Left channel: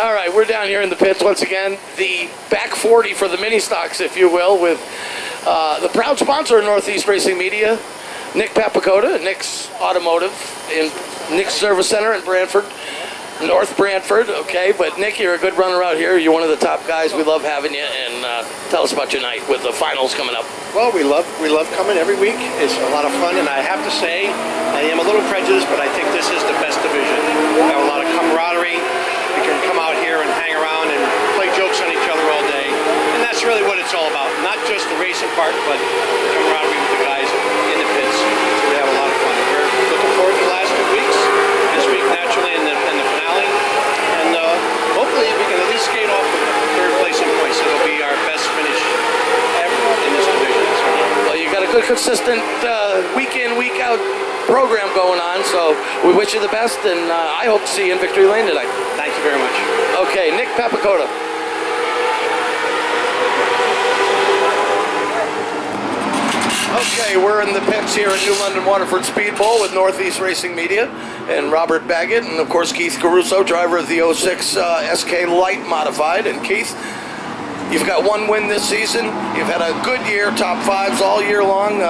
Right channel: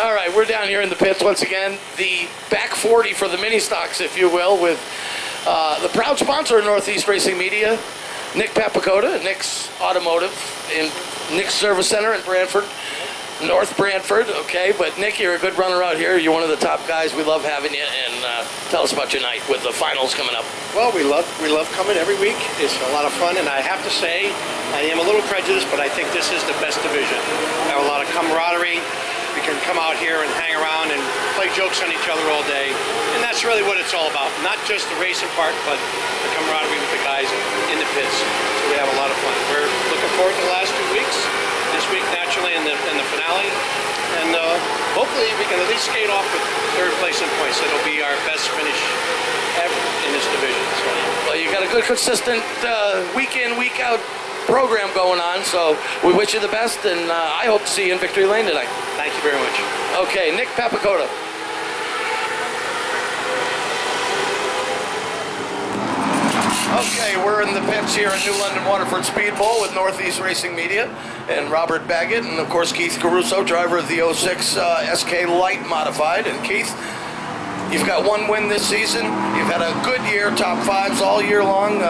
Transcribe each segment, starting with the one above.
All right, we're down here in the pits once again. The back 40 for the mini stocks, if you will, with the proud sponsor of Northeast Racing Media, Nick Papakota, Nick's Automotive in Nick's Service Center in Brantford, North Brantford. Okay, but Nick, you're a good runner out here. You're one of the top guys. We love having you, and tell us about your night with the finals coming up. Well, we love coming every week. It's a lot of fun, and I have to say, I am a little prejudiced, but I think this is the best division. We have a lot of camaraderie. We can come out here and hang around and play jokes on each other all day, and that's really what it's all about. Not just the racing part, but the camaraderie with the guys in the pits. So we have a lot of fun. We're looking forward to the last 2 weeks. This week, naturally, in the finale, and hopefully we can at least skate off with 3rd place in points. It'll be our best finish ever in this division. So. Well, you got a good, consistent week in, week out program going on, so we wish you the best, and I hope to see you in Victory Lane tonight. Thank you very much. Okay, Nick Papakota. Okay, we're in the pits here at New London Waterford Speed Bowl with Northeast Racing Media and Robert Baggett, and of course Keith Caruso, driver of the 06 SK Light Modified. And Keith, you've got 1 win this season. You've had a good year, top 5s all year long.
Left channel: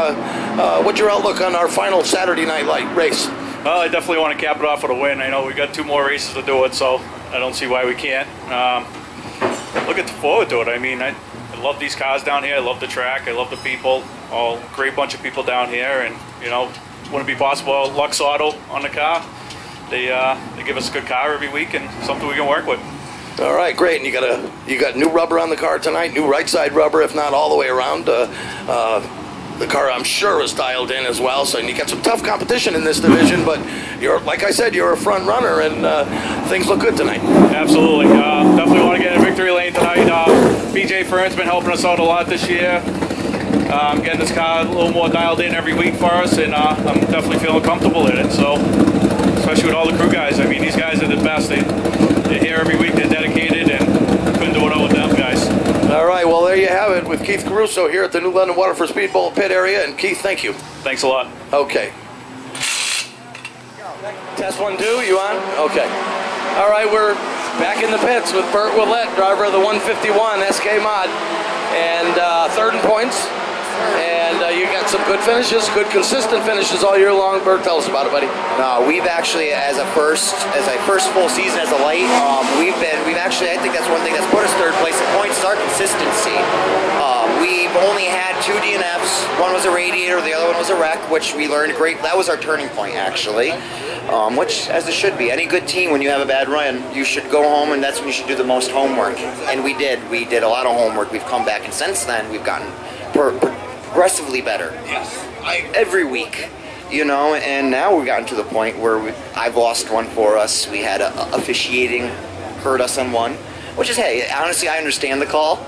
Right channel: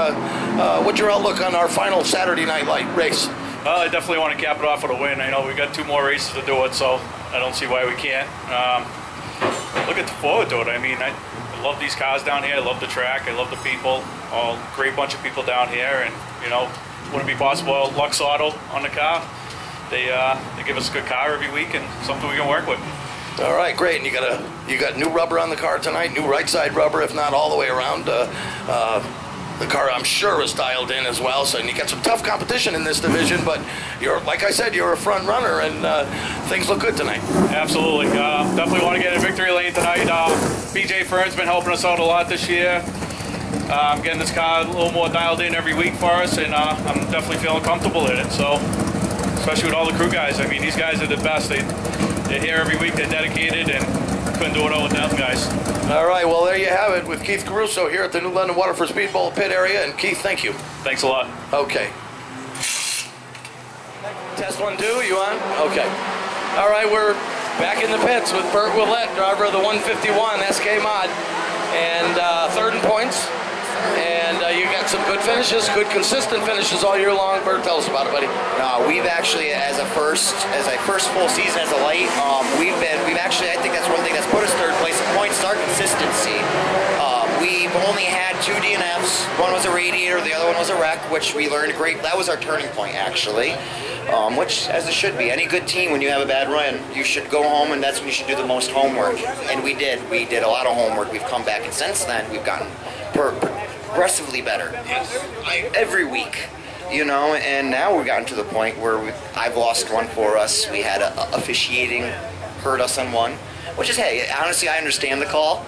What's your outlook on our final Saturday night light race? Well, I definitely want to cap it off with a win. I know we got 2 more races to do it, so I don't see why we can't. Looking forward to it. I mean, I love these cars down here. I love the track. I love the people. All great bunch of people down here, and you know, wouldn't be possible. Lux Auto on the car. They give us a good car every week and something we can work with. All right, great. And you got new rubber on the car tonight, new right side rubber, if not all the way around. The car, I'm sure, is dialed in as well. So you got some tough competition in this division, but you're, like I said, you're a front runner, and things look good tonight. Absolutely. Definitely want to get in victory lane tonight. PJ Fern's been helping us out a lot this year. I'm getting this car a little more dialed in every week for us, and I'm definitely feeling comfortable in it. So, especially with all the crew guys. I mean, these guys are the best. They're here every week. They're dedicated, and couldn't do it all with them guys. All right, well, there you have it with Keith Caruso here at the New London Waterford Speed Bowl pit area. And Keith, thank you. Thanks a lot. Okay. Test 1, 2, you on? Okay. All right, we're back in the pits with Burt Willett, driver of the 151 SK Mod, and 3rd in points. And you got some good finishes, good consistent finishes all year long. Bert, tell us about it, buddy. No, we've actually, as a first full season as a light, we've actually, I think that's one thing that's put us 3rd place in points is our consistency. We've only had 2 DNFs. One was a radiator, the other one was a wreck, which we learned great. That was our turning point, actually, which, as it should be. Any good team, when you have a bad run, you should go home, and that's when you should do the most homework. And we did. We did a lot of homework. We've come back, and since then, we've gotten progressively better. Yes. Every week, you know, and now we've gotten to the point where I've lost one for us. We had officiating hurt us on one, which is, hey, honestly, I understand the call.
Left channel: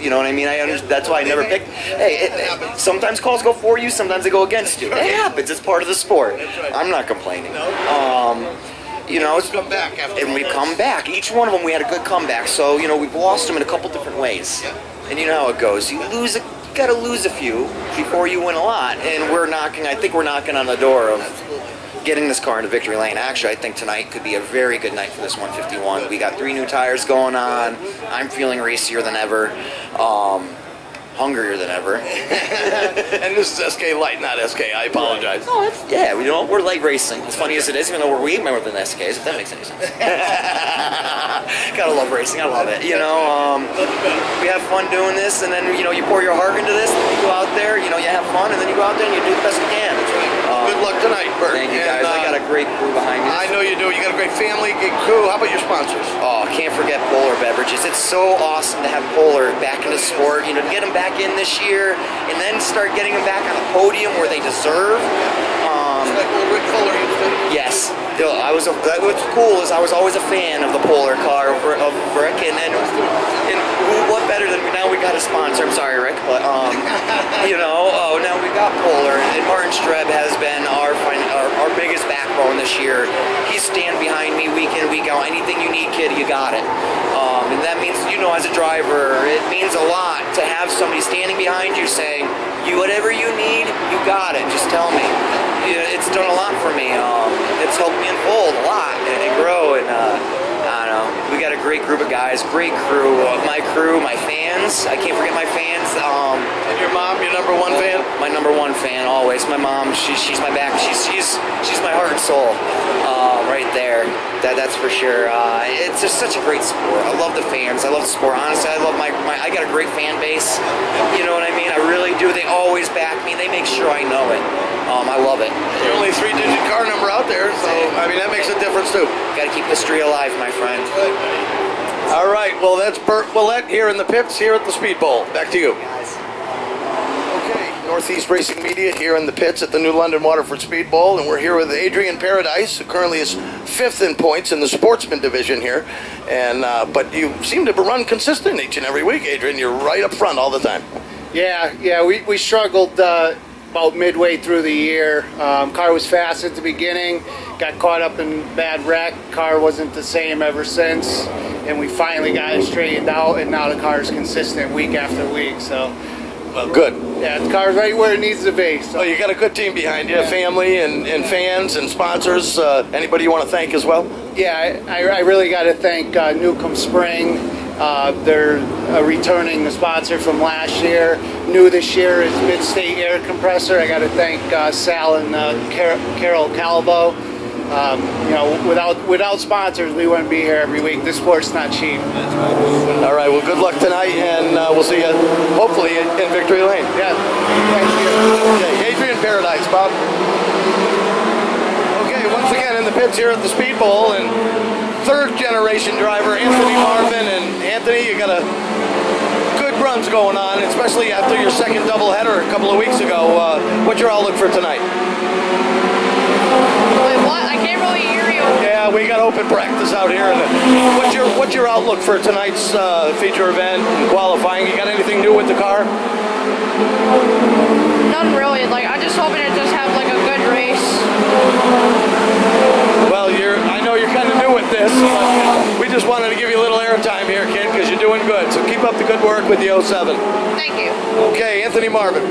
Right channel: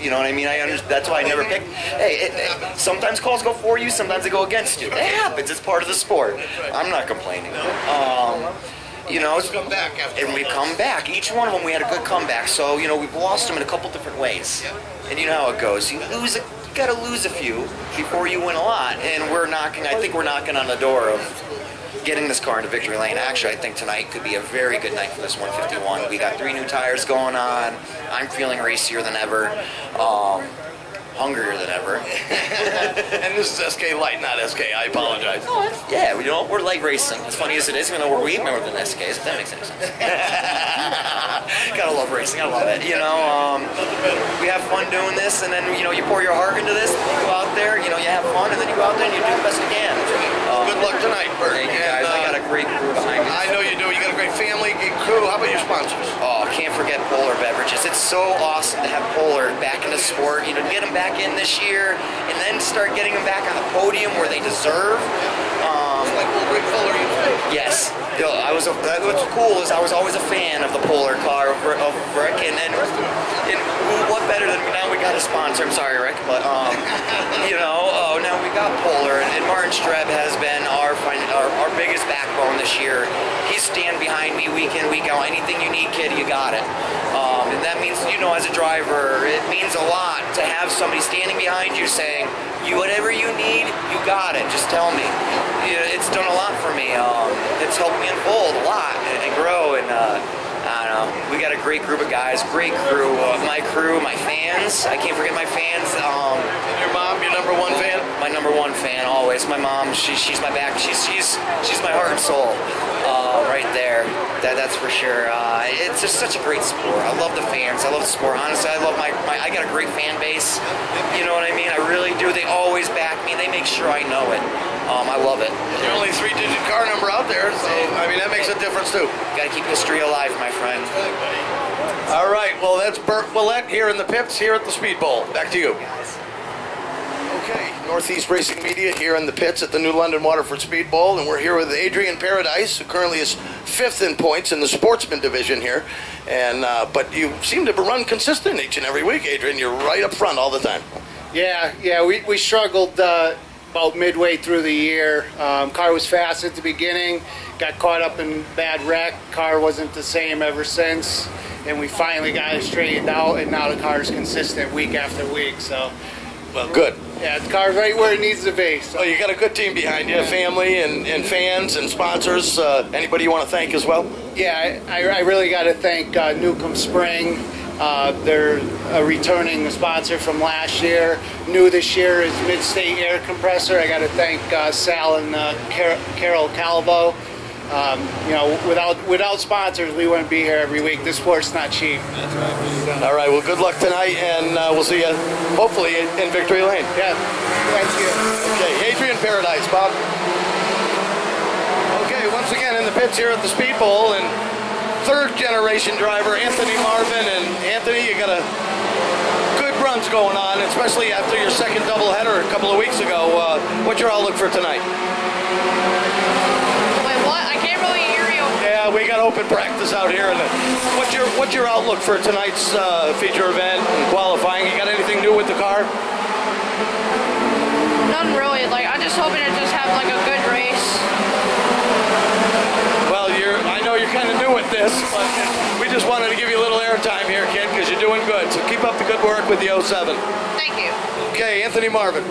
You know what I mean? That's why I never picked. Hey, sometimes calls go for you, sometimes they go against you. It happens. It's part of the sport. I'm not complaining. You know, come back after and we've come back. Each one of them, we had a good comeback. So, you know, we've lost them in a couple different ways. And you know how it goes. You got to lose a few before you win a lot. And I think we're knocking on the door of getting this car into victory lane. Actually, I think tonight could be a very good night for this 151. We got 3 new tires going on. I'm feeling racier than ever. Hungrier than ever. And this is SK Light, not SK. I apologize. No, yeah, you know, we're light racing. As funny as it is, even though we're way more than SKs, if that makes any sense. Gotta love racing. I love it. You know, we have fun doing this, and then, you know, you pour your heart into this, and you go out there, you know, you have fun, and then you go out there and you do the best you can. That's right. Good luck tonight, Bert. Thank you, guys. I got a great crew behind me. I know you do. You got a great family, great crew. How about your sponsors? Oh, can't forget Polar Beverages. It's so awesome to have Polar back in the sport. You know, to get them back in this year, and then start getting them back on the podium where they deserve. Just like old Rick Fuller used to. Yes. You know, what's cool is I was always a fan of the Polar car of Rick, and what better than now we got a sponsor. I'm sorry, Rick, but you know, now we got Polar, and Martin Streb has been our biggest backbone this year. He's stand behind me week in, week out. Anything you need, kid, you got it. And that means, you know, as a driver, it means a lot to have somebody standing behind you saying, whatever you need, you got it. Just tell me. It's done a lot for me. It's helped me unfold a lot and grow. And I don't know. We got a great group of guys, great crew. My crew, my fans. I can't forget my fans. And your mom, your number one fan? My number one fan, always. My mom, she's my back. She's my heart and soul, right there. That's for sure. It's just such a great sport. I love the fans. I love the sport. Honestly, I love I got a great fan base. You know what I mean? I really do. They always back me. They make sure I know it. I love it. Your only 3-digit car number out there, so I mean that makes a difference too. Got to keep history alive, my friend. All right, well that's Bert Willett here in the pits here at the Speed Bowl. Back to you. Okay, Northeast Racing Media here in the pits at the New London Waterford Speed Bowl, and we're here with Adrian Paradise, who currently is 5th in points in the sportsman division here. And but you seem to run consistent each and every week, Adrian. You're right up front all the time. Yeah, we struggled about midway through the year. Car was fast at the beginning, got caught up in bad wreck. Car wasn't the same ever since, and we finally got it straightened out, and now the car is consistent week after week. So, well, good. Yeah, the car's right where it needs to be. So. Well, you got a good team behind you, family and fans and sponsors. Anybody you want to thank as well? Yeah, I really got to thank Newcomb Spring. They're a returning sponsor from last year. New this year is Mid-State Air Compressor. I got to thank Sal and Carol Calvo. You know, without sponsors, we wouldn't be here every week. This sport's not cheap. That's right. All right. Well, good luck tonight, and we'll see you hopefully in Victory Lane. Yeah. Thank you. Okay, Adrian Paradise, Bob. Okay, once again in the pits here at the Speed Bowl, and third-generation driver Anthony Marvin. And Anthony, you got a good runs going on, especially after your second doubleheader a couple of weeks ago. What's your outlook for tonight? Wait, what? I can't really hear you. Yeah, we got open practice out here. And what's your outlook for tonight's feature event and qualifying? You got anything new with the car? Nothing really. Like, I'm just hoping to just have like a good race. Well, I know you're kind of new at this, but we just wanted to give you a little airtime here, kid, because you're doing good. So keep up the good work with the 07. Thank you. Okay, Anthony Marvin.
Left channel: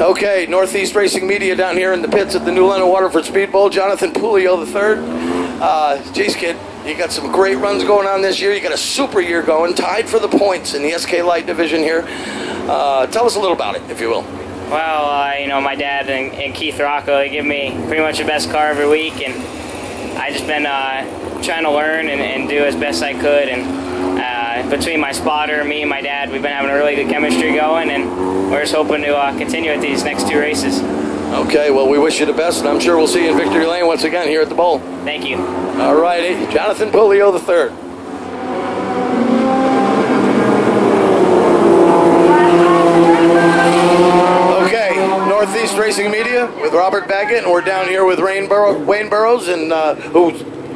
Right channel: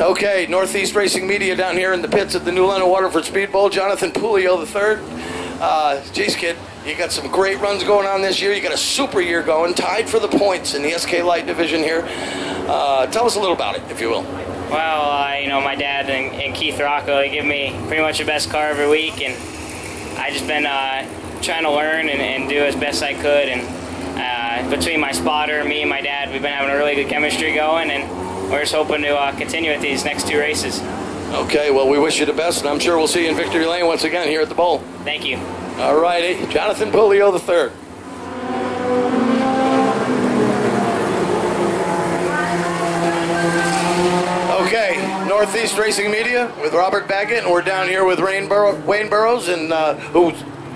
Okay, Northeast Racing Media down here in the pits at the New London Waterford Speed Bowl. Jonathan Pulio III. Geez, kid, you got some great runs going on this year. You got a super year going, tied for the points in the SK Light division here. Tell us a little about it, if you will. Well, you know, my dad and Keith Rocco, they give me pretty much the best car every week, and I just been trying to learn and do as best I could. And between my spotter, me, and my dad, we've been having a really good chemistry going, and we're just hoping to continue at these next two races. Okay, well, we wish you the best, and I'm sure we'll see you in Victory Lane once again here at the Bowl. Thank you. All righty, Jonathan Pulio III. Northeast Racing Media with Robert Baggett, and we're down here with Wayne Burrows, and who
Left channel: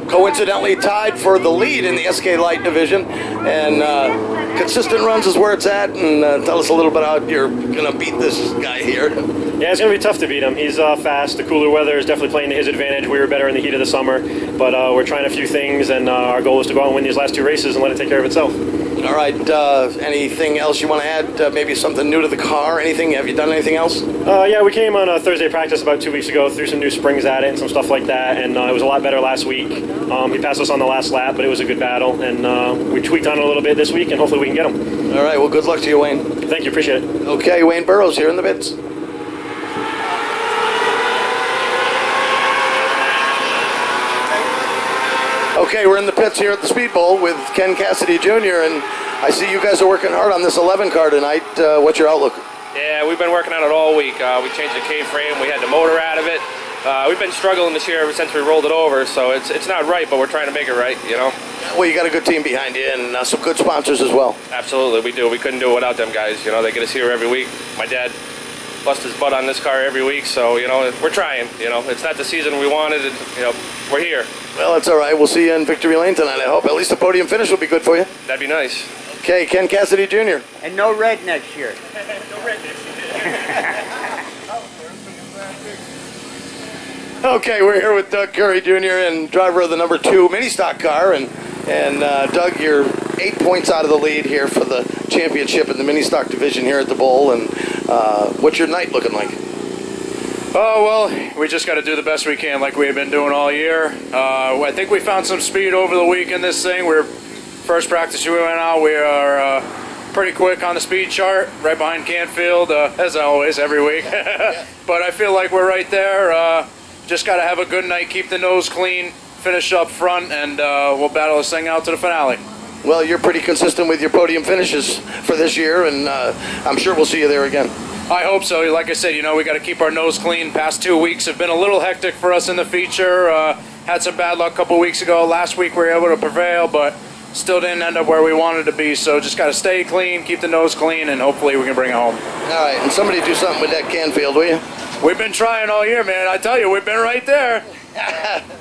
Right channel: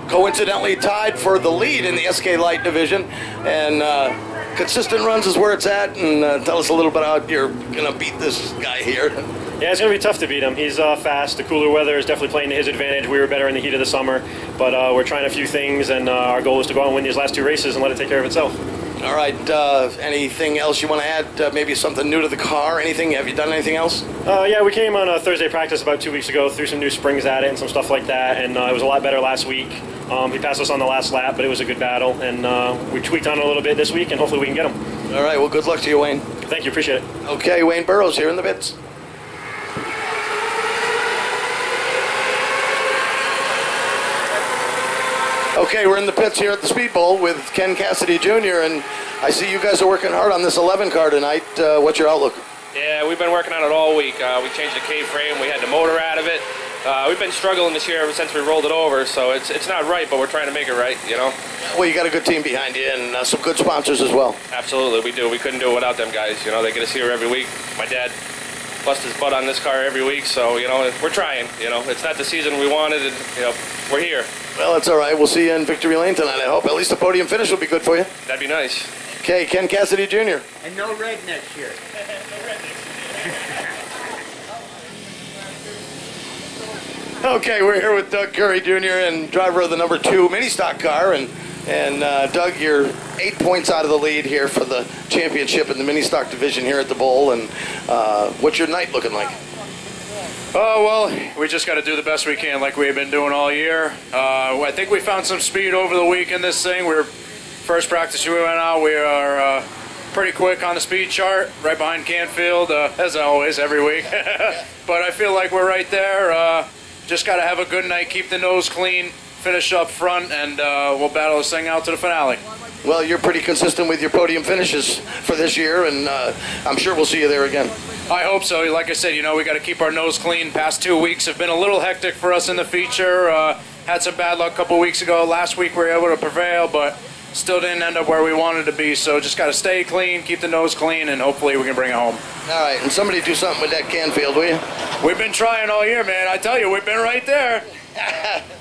coincidentally tied for the lead in the SK Light division. And consistent runs is where it's at. And tell us a little bit how you're going to beat this guy here. Yeah, it's going to be tough to beat him. He's fast. The cooler weather is definitely playing to his advantage. We were better in the heat of the summer, but we're trying a few things, and our goal is to go out and win these last two races and let it take care of itself. All right. Anything else you want to add? Maybe something new to the car? Anything? Have you done anything else? Yeah, we came on a Thursday practice about 2 weeks ago, threw some new springs at it and some stuff like that, and it was a lot better last week. He passed us on the last lap, but it was a good battle, and we tweaked on it a little bit this week, and hopefully we can get him. All right. Well, good luck to you, Wayne. Thank you. Appreciate it. Okay, Wayne Burrows here in the pits. Okay, we're in the pits here at the Speed Bowl with Ken Cassidy Jr., and I see you guys are working hard on this 11 car tonight. What's your outlook? Yeah, we've been working on it all week. We changed the K-frame. We had the motor out of it. We've been struggling this year ever since we rolled it over, so it's not right, but we're trying to make it right, you know? Well, you got a good team behind you and some good sponsors as well. Absolutely, we do. We couldn't do it without them guys. You know, they get us here every week. My dad busts his butt on this car every week, so, you know, we're trying. You know, it's not the season we wanted, and, you know, we're here. Well, that's all right. We'll see you in Victory Lane tonight, I hope. At least the podium finish will be good for you. That'd be nice. Okay, Ken Cassidy Jr. And no red next year. No red next year. Okay, we're here with Doug Curry Jr. and driver of the number 2 mini stock car, and Doug, you're 8 points out of the lead here for the championship in the mini stock division here at the Bowl. And what's your night looking like? Oh, well, we just got to do the best we can like we've been doing all year. I think we found some speed over the week in this thing. First practice we went out, we are pretty quick on the speed chart, right behind Canfield, as always, every week. But I feel like we're right there. Just got to have a good night, keep the nose clean, finish up front, and we'll battle this thing out to the finale. Well, you're pretty consistent with your podium finishes for this year, and I'm sure we'll see you there again. I hope so. Like I said, we got to keep our nose clean. Past 2 weeks have been a little hectic for us in the feature. Had some bad luck a couple weeks ago. Last week we were able to prevail, but still didn't end up where we wanted to be. So just got to stay clean, keep the nose clean, and hopefully we can bring it home. All right, and somebody do something with that Canfield, will you? We've been trying all year, man. I tell you, we've been right there.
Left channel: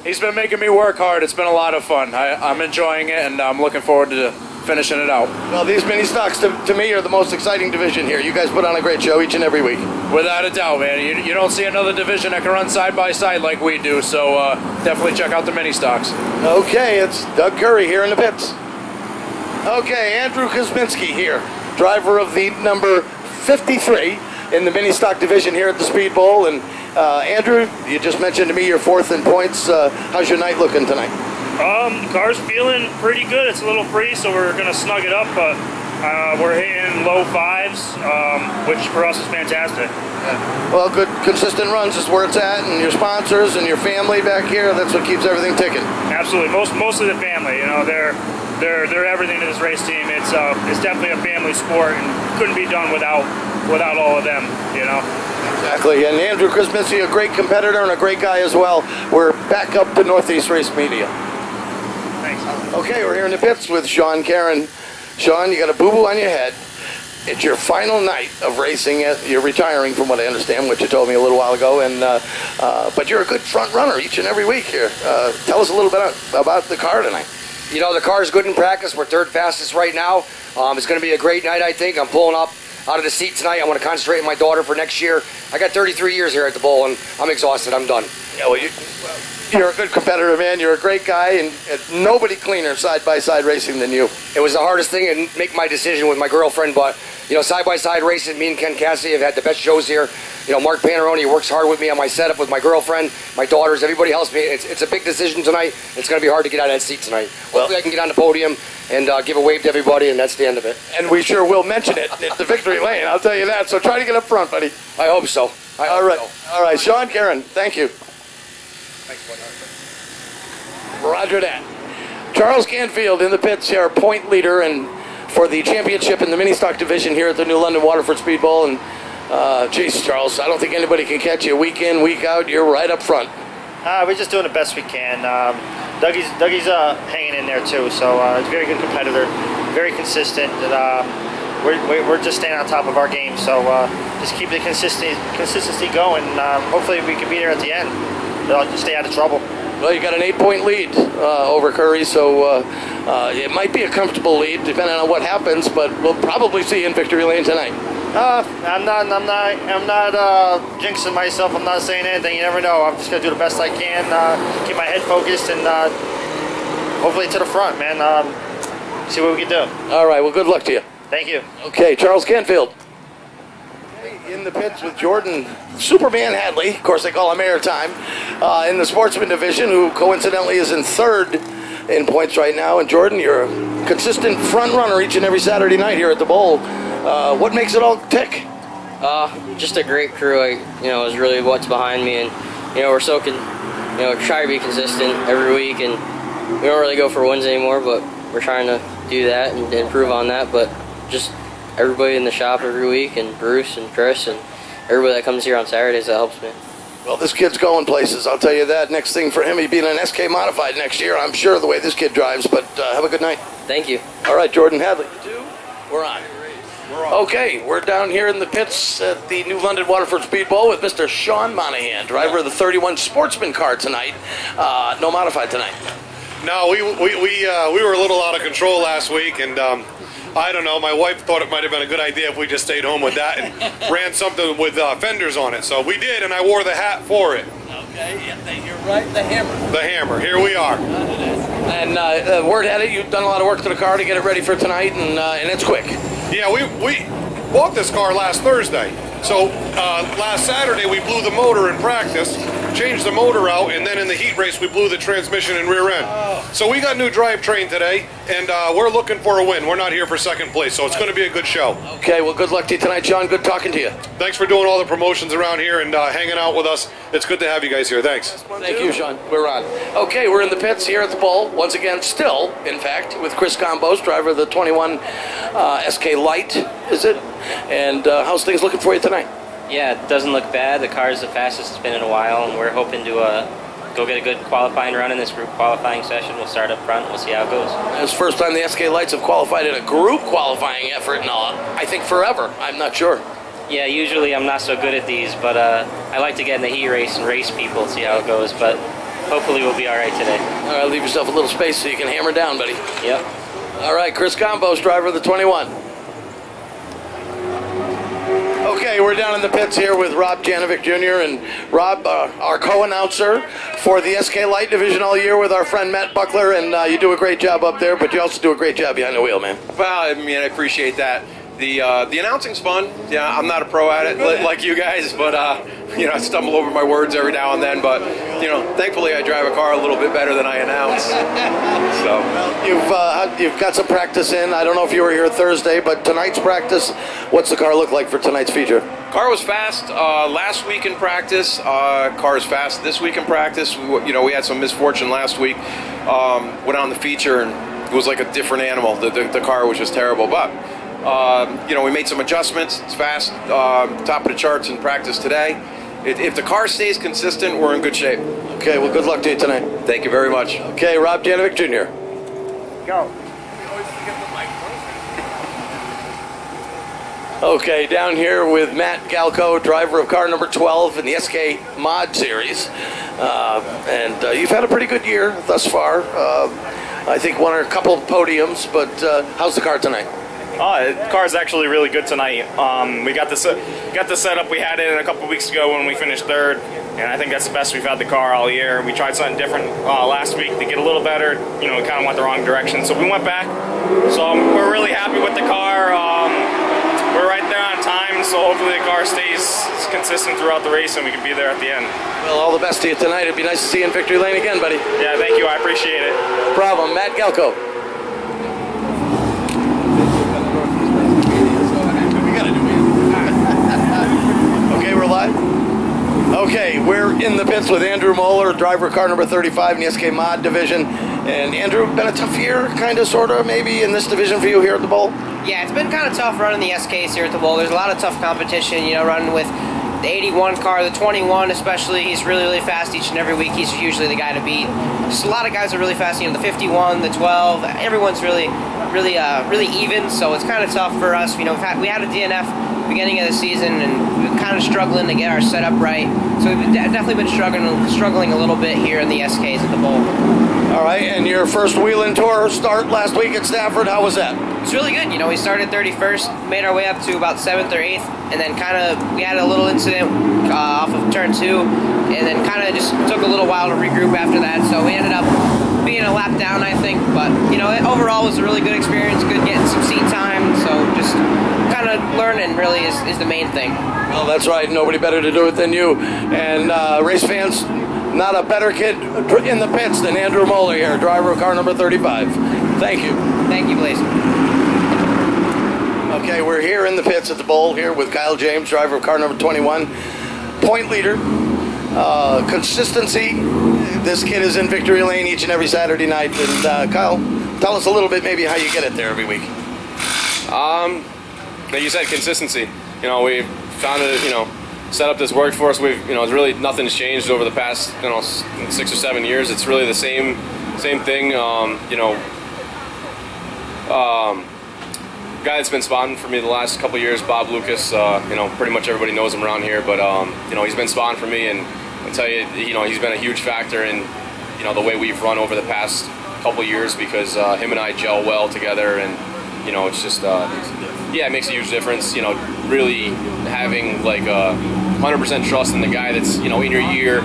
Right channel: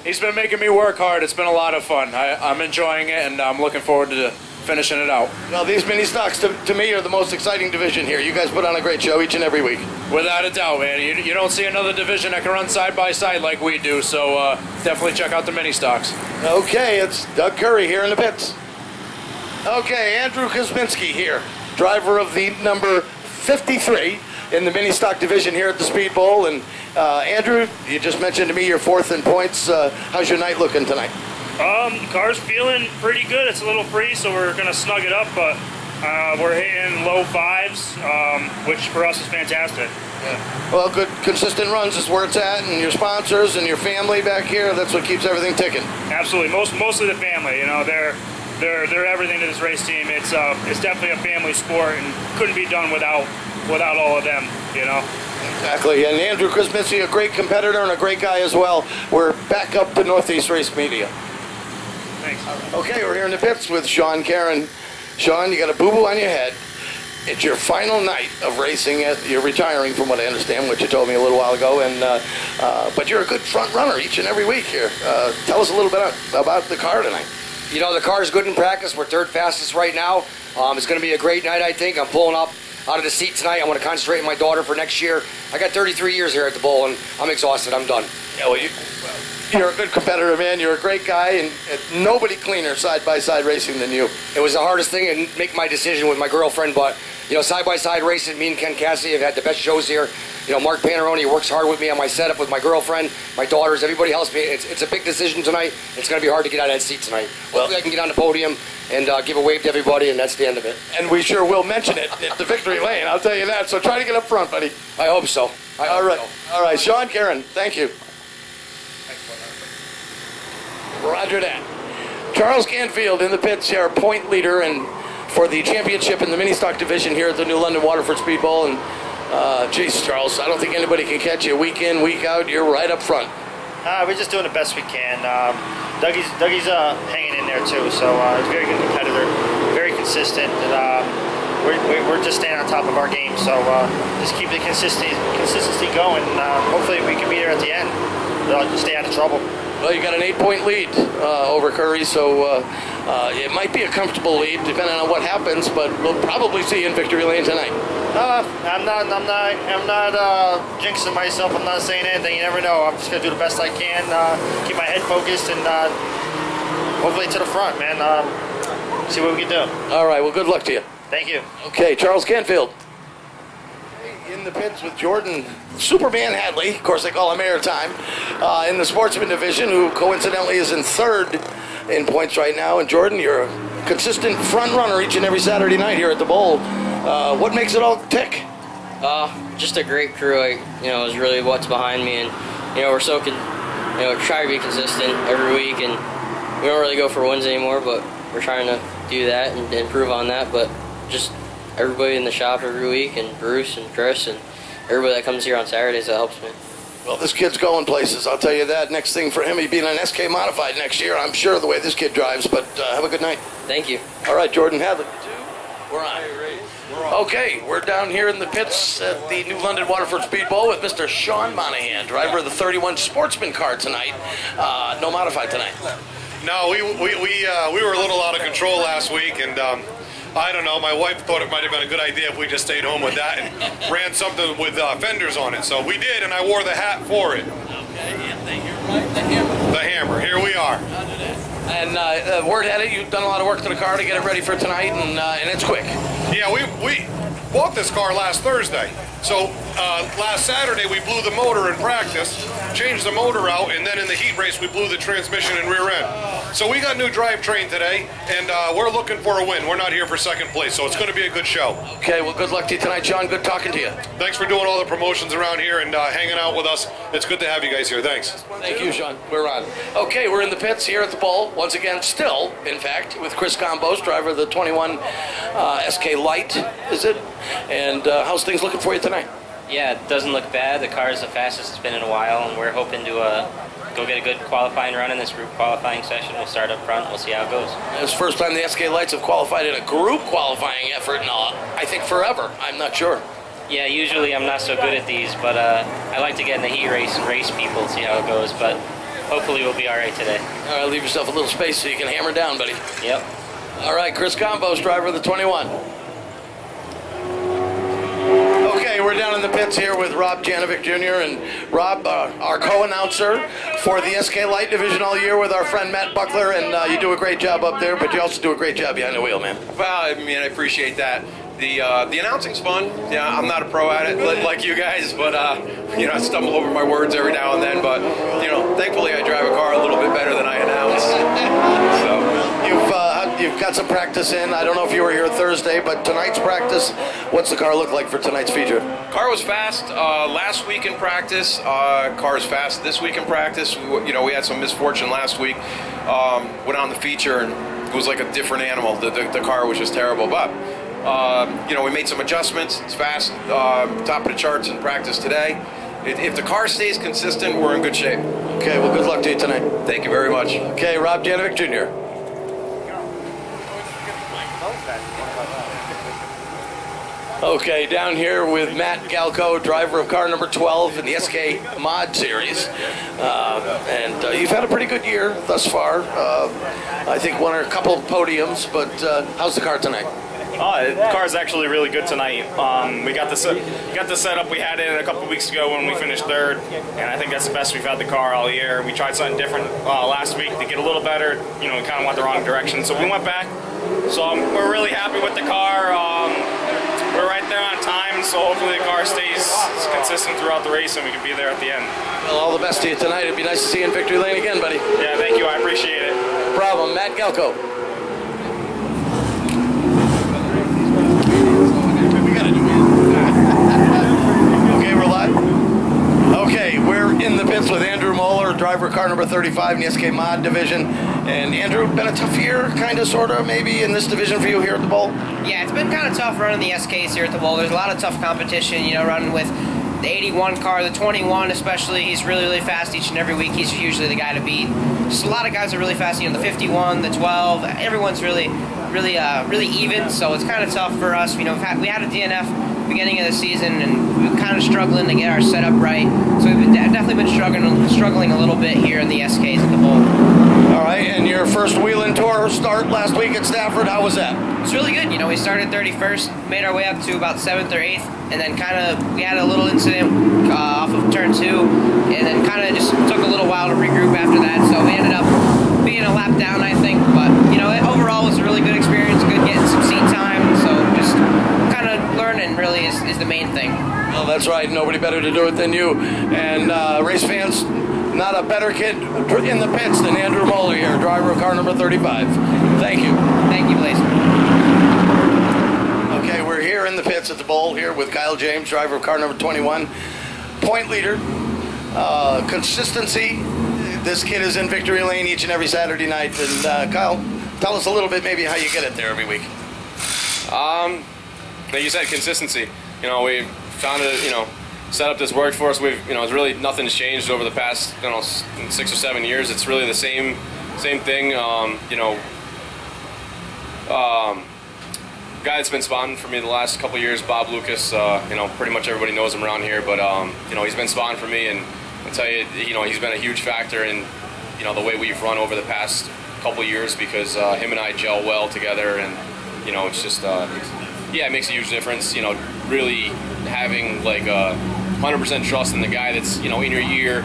He's been making me work hard. It's been a lot of fun. I'm enjoying it, and I'm looking forward to finishing it out. Well, these mini stocks to me are the most exciting division here. You guys put on a great show each and every week. Without a doubt, man. You don't see another division that can run side by side like we do, so definitely check out the mini stocks. Okay, it's Doug Curry here in the pits. Okay, Andrew Kosminski here, driver of the number 53 in the mini stock division here at the Speed Bowl. And Andrew, you just mentioned to me you're fourth in points. How's your night looking tonight? The car's feeling pretty good. It's a little free, so we're going to snug it up, but we're hitting low fives, which for us is fantastic. Yeah. Well, good, consistent runs is where it's at, and your sponsors and your family back here, that's what keeps everything ticking. Absolutely. Mostly the family. They're everything to this race team. It's definitely a family sport, and couldn't be done without all of them, Exactly, and Andrew Kosminski, a great competitor and a great guy as well. We're back up to Northeast Race Media. Thanks. Okay, we're here in the pits with Sean Caron. Sean, you got a boo-boo on your head. It's your final night of racing. You're retiring, from what I understand, what you told me a little while ago. And but you're a good front runner each and every week here. Tell us a little bit about the car tonight. The car's good in practice. We're third fastest right now. It's going to be a great night, I think. I'm pulling up out of the seat tonight. I want to concentrate on my daughter for next year. I got 33 years here at the Bowl, and I'm exhausted. I'm done. Yeah, well, you're a good competitor, man. You're a great guy, and nobody cleaner side-by-side racing than you. It was the hardest thing to make my decision with my girlfriend, but, side-by-side racing, me and Ken Cassidy have had the best shows here. Mark Panarone works hard with me on my setup with my girlfriend, my daughters, everybody helps me. It's a big decision tonight. It's going to be hard to get out of that seat tonight. Hopefully I can get on the podium and give a wave to everybody, and that's the end of it. And we sure will mention it at the victory lane, I'll tell you that. So try to get up front, buddy. I hope so. All right, Sean Caron, thank you. Roger that. Charles Canfield in the pits, our point leader and for the championship in the mini stock division here at the New London Waterford Speed Bowl. And geez, Charles, I don't think anybody can catch you week in, week out. You're right up front. We're just doing the best we can. Dougie's hanging in there too, so he's a very good competitor, very consistent, and we're just staying on top of our game. So just keep the consistency going. Hopefully we can be there at the end. Just stay out of trouble. Well, you got an 8-point lead over Curry, so it might be a comfortable lead depending on what happens, but we'll probably see you in victory lane tonight. I'm not jinxing myself. I'm not saying anything. You never know. I'm just gonna do the best I can, keep my head focused, and hopefully to the front, man. See what we can do. All right. Well, good luck to you. Thank you. Okay, Charles Canfield. In the pits with Jordan Superman Hadley, of course they call him Airtime, in the sportsman division, who coincidentally is in third in points right now. And Jordan, you're a consistent front runner each and every Saturday night here at the Bowl. What makes it all tick? Just a great crew. Is really what's behind me, and we're try to be consistent every week, and we don't really go for wins anymore, but we're trying to do that and improve on that. But just everybody in the shop every week, and Bruce and Chris and everybody that comes here on Saturdays, that helps me. Well, this kid's going places, I'll tell you that. Next thing for him, he'd be in an SK Modified next year, I'm sure, the way this kid drives. But have a good night. Thank you. All right, Jordan Hadley. You too? We're on. Okay, we're down here in the pits at the New London Waterford Speed Bowl with Mr. Sean Monahan, driver of the 31 Sportsman car tonight. No modified tonight. No, we were a little out of control last week, and I don't know, my wife thought it might have been a good idea if we just stayed home with that and ran something with fenders on it. So we did, and I wore the hat for it. Okay, yep, you're right, the Hammer. The Hammer, here we are. And word had it, you've done a lot of work to the car to get it ready for tonight, and it's quick. Yeah, we bought this car last Thursday. So last Saturday we blew the motor in practice, changed the motor out, and then in the heat race we blew the transmission and rear end. So we got new drivetrain today, and we're looking for a win. We're not here for second place, so it's going to be a good show. Okay, well, good luck to you tonight, Sean. Good talking to you. Thanks for doing all the promotions around here and hanging out with us. It's good to have you guys here. Thanks. Thank you, Sean. We're on. Okay, we're in the pits here at the Bowl. Once again, still, in fact, with Chris Gombos, driver of the 21 SK Light, is it? And how's things looking for you tonight? Yeah, it doesn't look bad. The car is the fastest it's been in a while, and we're hoping to go get a good qualifying run in this group qualifying session. We'll start up front. We'll see how it goes. It's the first time the SK Lights have qualified in a group qualifying effort in, I think, forever. I'm not sure. Yeah, usually I'm not so good at these, but I like to get in the heat race and race people, see how it goes, but hopefully we'll be all right today. All right, leave yourself a little space so you can hammer down, buddy. Yep. All right, Chris Gombos, driver of the 21. Okay, we're down in the pits here with Rob Janovic Jr. and Rob, our co-announcer for the SK Light Division all year with our friend Matt Buckler, and you do a great job up there, but you also do a great job behind the wheel, man. Well, I mean, I appreciate that. The announcing's fun. Yeah, I'm not a pro at it like you guys, but you know, I stumble over my words every now and then. But you know, thankfully, I drive a car a little bit better than I announce. So You've got some practice in. I don't know if you were here Thursday, but tonight's practice, what's the car look like for tonight's feature? Car was fast last week in practice. Car is fast this week in practice. We had some misfortune last week. Went on the feature and it was like a different animal. The car was just terrible, but. We made some adjustments. It's fast, top of the charts in practice today. If the car stays consistent, we're in good shape. Okay, well, good luck to you tonight. Thank you very much. Okay, Rob Janovic Jr. Go. Okay, down here with Matt Galco, driver of car number 12 in the SK Mod Series. And you've had a pretty good year thus far. I think won a couple of podiums, but how's the car tonight? The car's actually really good tonight. We got the setup we had in a couple weeks ago when we finished third, and I think that's the best we've had the car all year. We tried something different last week to get a little better. We kind of went the wrong direction, so we went back. So we're really happy with the car. We're right there on time, so hopefully the car stays consistent throughout the race and we can be there at the end. Well, all the best to you tonight. It'd be nice to see you in victory lane again, buddy. Yeah, thank you. I appreciate it. No problem. Matt Galco. Okay, we're live. Okay, we're in the pits with Andrew Moeller, driver of car number 35 in the SK Mod division. And Andrew, been a tough year, kind of, sort of, maybe, in this division for you here at the Bowl? Yeah, it's been kind of tough running the SKs here at the Bowl. There's a lot of tough competition, running with the 81 car, the 21 especially. He's really, really fast each and every week. He's usually the guy to beat. Just a lot of guys are really fast, the 51, the 12. Everyone's really even, so it's kind of tough for us. We had a DNF beginning of the season, and we were kind of struggling to get our setup right. So we've definitely been struggling a little bit here in the SKs at the Bowl. All right, and your first wheel-in tour start last week at Stafford, how was that? It's really good. We started 31st, made our way up to about 7th or 8th, and then we had a little incident off of turn 2, and then kind of just took a little while to regroup after that. So we ended up being a lap down, I think, but overall it was a really good experience, good getting some seat time, so just kind of learning really is the main thing. Well, that's right, nobody better to do it than you, and race fans, not a better kid in the pits than Andrew Moeller here, driver of car number 35. Thank you. Thank you, Blaise. Okay, we're here in the pits at the Bowl here with Kyle James, driver of car number 21, point leader, consistency. This kid is in victory lane each and every Saturday night. And Kyle, tell us a little bit maybe how you get it there every week. Like you said, consistency. We've found it, set up this work for us. It's really nothing's changed over the past, 6 or 7 years. It's really the same thing. Guy that's been spawning for me the last couple years, Bob Lucas. Pretty much everybody knows him around here, but he's been spawning for me, and I tell you, he's been a huge factor in, the way we've run over the past couple years, because him and I gel well together, and it's just it makes a huge difference. Really having like 100% trust in the guy that's in your year,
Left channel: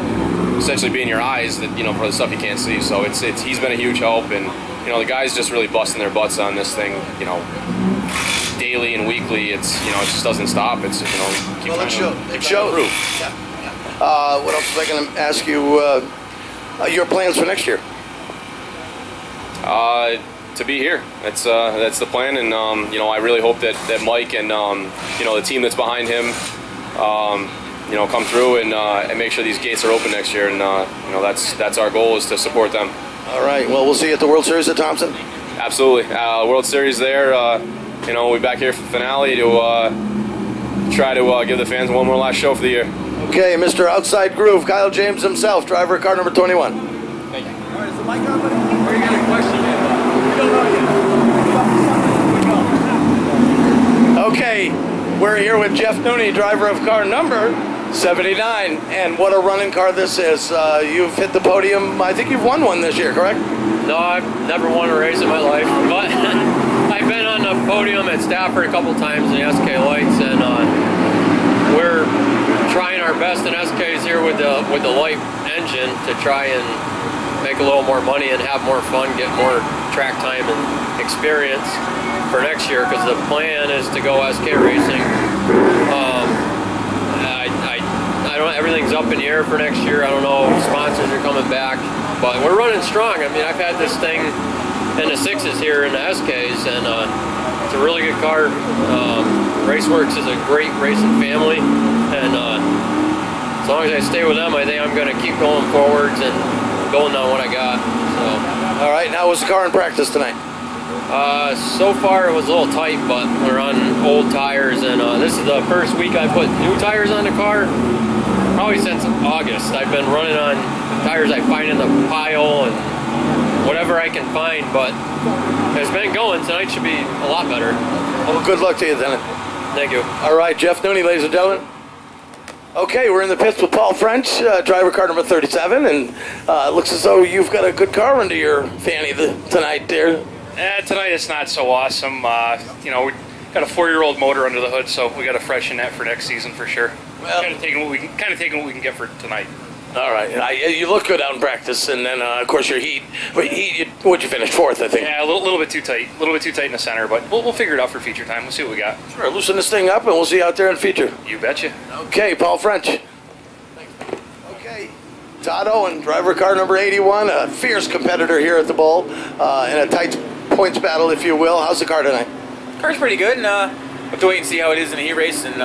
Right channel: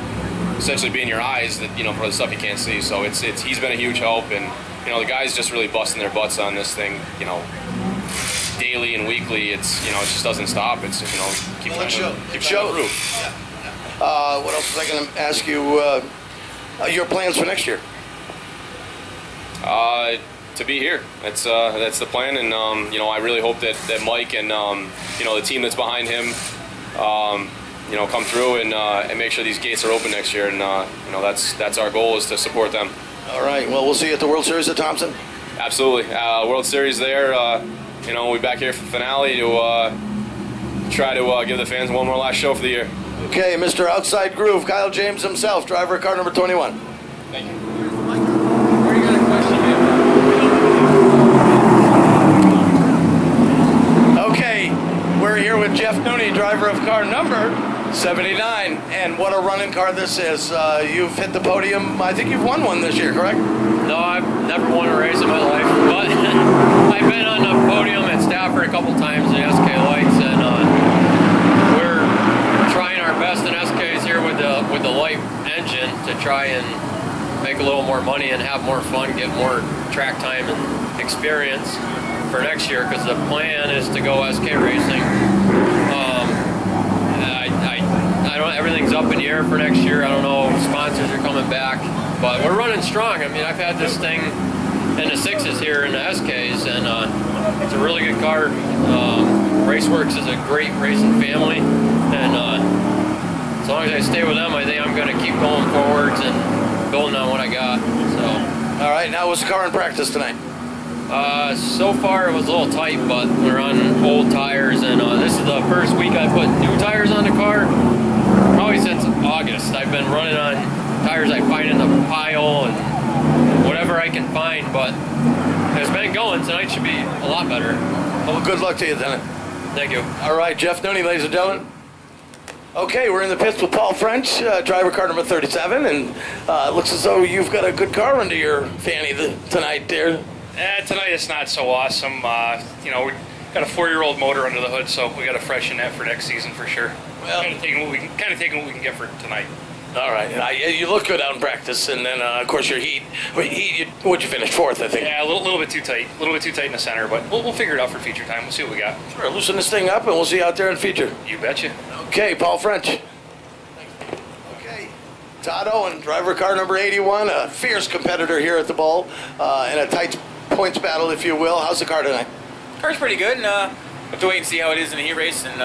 essentially being your eyes that, you know, for the stuff you can't see. So he's been a huge help, and you know, the guys just really busting their butts on this thing, you know, daily and weekly. It's, you know, it just doesn't stop. It's, you know, keep trying to improve. Yeah. What else was I going to ask you? Your plans for next year? To be here. That's the plan, and you know, I really hope that Mike and you know, the team that's behind him, you know, come through and make sure these gates are open next year. And you know, that's our goal, is to support them. All right. Well, we'll see you at the World Series at Thompson. Absolutely. World Series there. You know, we'll be back here for the finale to try to give the fans one more last show for the year. Okay, Mr. Outside Groove, Kyle James himself, driver of car number 21. Thank you. All right, is the mic up? What are you going to question me about? We don't know yet. Okay, we're here with Jeff Nooney, driver of car number 79, and what a running car this is. You've hit the podium. I think you've won one this year, correct? No, I've never won a race in my life, but I've been on the podium at Stafford a couple times in the SK Lights, and we're trying our best in SKs here with the light engine to try and make a little more money and have more fun, get more track time and experience for next year, because the plan is to go SK racing. I don't. Everything's up in the air for next year. I don't know if sponsors are coming back, but we're running strong. I mean, I've had this thing in the 6s here in the SKs, and it's a really good car. Raceworks is a great racing family, and as long as I stay with them, I think I'm going to keep going forwards and building on what I got. So. All right. Now, was the car in practice tonight? So far it was a little tight, but we're on old tires, and this is the first week I put new tires on the car, probably since August. I've been running on tires I find in the pile and whatever I can find, but it's been going. Tonight should be a lot better. Well, good luck to you then. Thank you. All right, Jeff Nooney, ladies and gentlemen. Okay, we're in the pits with Paul French, driver car number 37, and it looks as though you've got a good car under your fanny tonight, dear. Tonight it's not so awesome. You know, we got a 4-year-old motor under the hood, so we got to freshen that for next season for sure. Well, kind of taking what we can get for tonight. All right, you look good out in practice, and then of course your heat. What'd you finish? 4th, I think. Yeah, a little bit too tight, in the center, but we'll figure it out for feature time. We'll see what we got. Sure, loosen this thing up, and we'll see you out there in feature. You betcha. Okay, Paul French. Okay, Todd Owen, driver car number 81, a fierce competitor here at the Bowl, in a tight points battle, if you will. How's the car tonight? Car's pretty good, and we'll have to wait and see how it is in the heat race, and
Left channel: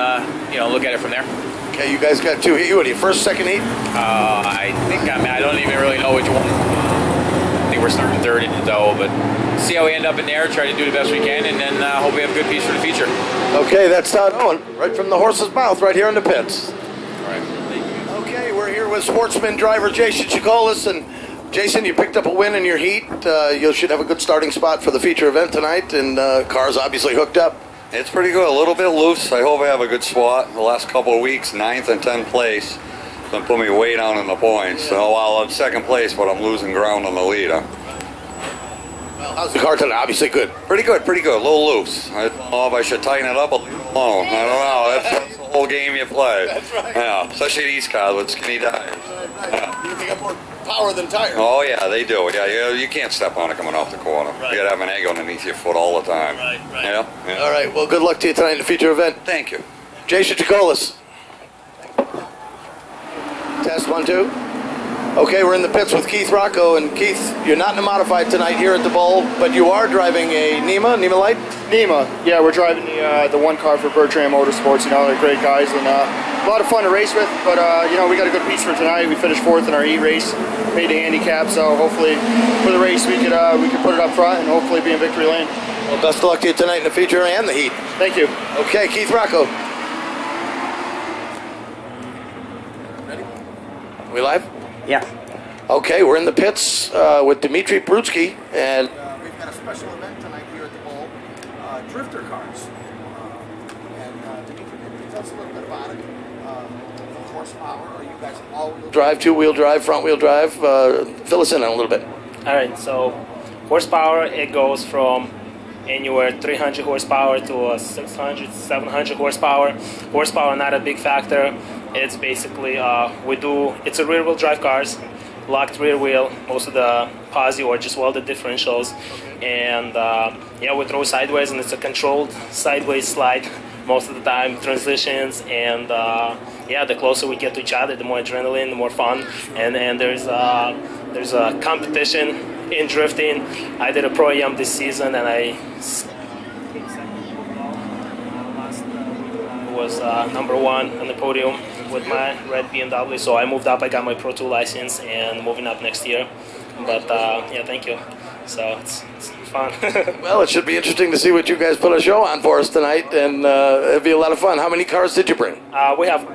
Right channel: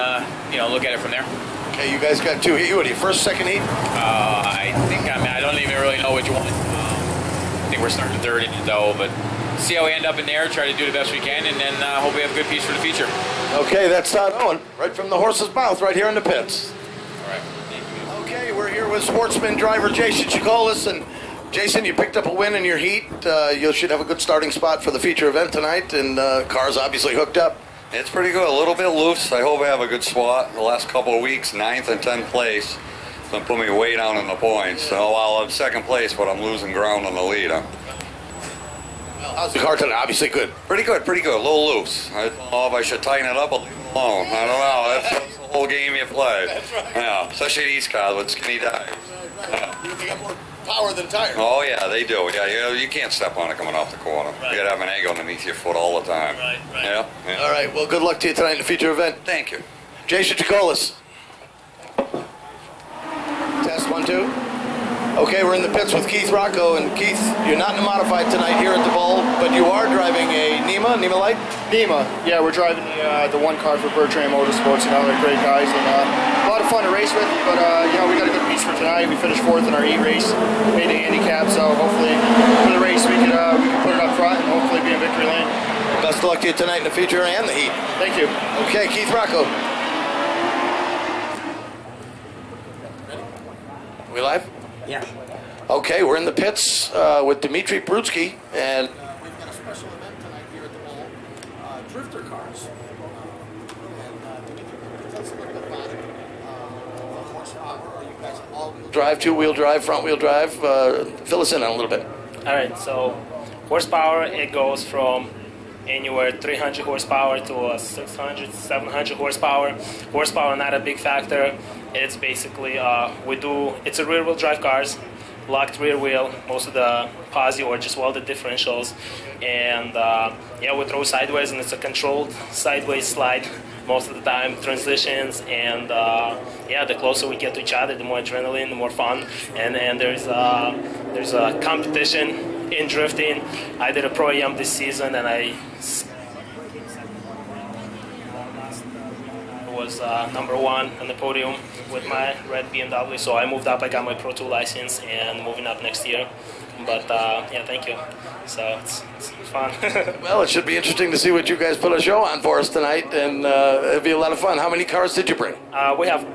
you know, look at it from there. Okay, you guys got 2 heat. What are you, first, second heat? I think I don't even really know which one. I think we're starting 3rd in the dough, but see how we end up in there. Try to do the best we can, and then hope we have a good piece for the feature. Okay, that's Todd Owen, right from the horse's mouth, right here in the pits. All right. Thank you. Okay, we're here with sportsman driver Jason Chikolis, and Jason, you picked up a win in your heat. You should have a good starting spot for the feature event tonight, and car's obviously hooked up. It's pretty good, a little bit loose. I hope I have a good spot. The last couple of weeks, 9th and 10th place. It's going to put me way down in the points. So while I'm 2nd place, but I'm losing ground on the leader. Well, how's the car tonight? Obviously good. Pretty good, pretty good. A little loose. I don't know if I should tighten it up or leave it alone. I don't know. That's the whole game you play. That's right. Yeah, especially these cars with skinny tires. Right. Yeah. They got more power than tires. Oh, yeah, they do. Yeah, you can't step on it coming off the corner. Right. You got to have an egg underneath your foot all the time. Right. Yeah. All right, well, good luck to you tonight in the feature event. Thank you. Jason Chikolis. Test 1, 2. Okay, we're in the pits with Keith Rocco, and Keith, you're not in a modified tonight here at the Bowl, but you are driving a NEMA Light? NEMA, yeah, we're driving the one car for Bertrand Motorsports. You know, they're great guys and a lot of fun to race with. But you know, we got a good piece for tonight. We finished 4th in our heat race, made the handicap. So hopefully, for the race, we could put it up front and hopefully be in victory lane. Well, best of luck to you tonight in the feature and the heat. Thank you. Okay, Keith Rocco. Ready? We live? Yeah. Okay, we're in the pits with Dmitry Prutsky, and we've got a special event tonight here at the Bowl, drifter cars. And Dmitry, maybe tell us a little bit about it. The horsepower, are you guys all-wheel drive, two-wheel drive, front-wheel drive? Fill us in on a little bit. All right, so horsepower, it goes from anywhere 300 horsepower to 600, 700 horsepower. Horsepower not a big factor. It's basically it's a rear-wheel drive cars, locked rear wheel, most of the posi or just welded differentials, and we throw sideways, and it's a controlled sideways slide most of the time, transitions, and the closer we get to each other, the more adrenaline, the more fun, and there's a competition in drifting. I did a Pro-Am this season, and I was number 1 on the podium with my red BMW, so I moved up. I got my Pro 2 license and moving up next year. But thank you. So it's fun. Well, it should be interesting to see what you guys put a show on for us tonight, and it'll be a lot of fun. How many cars did you bring? We have.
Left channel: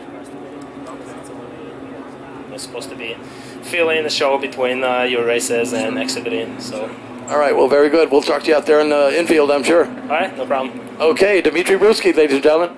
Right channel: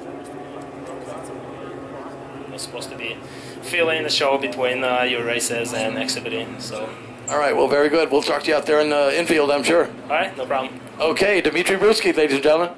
It's supposed to be filling the show between your races and exhibiting. So. All right. Well, very good. We'll talk to you out there in the infield, I'm sure. All right. No problem. Okay, Dmitry Bruski, ladies and gentlemen.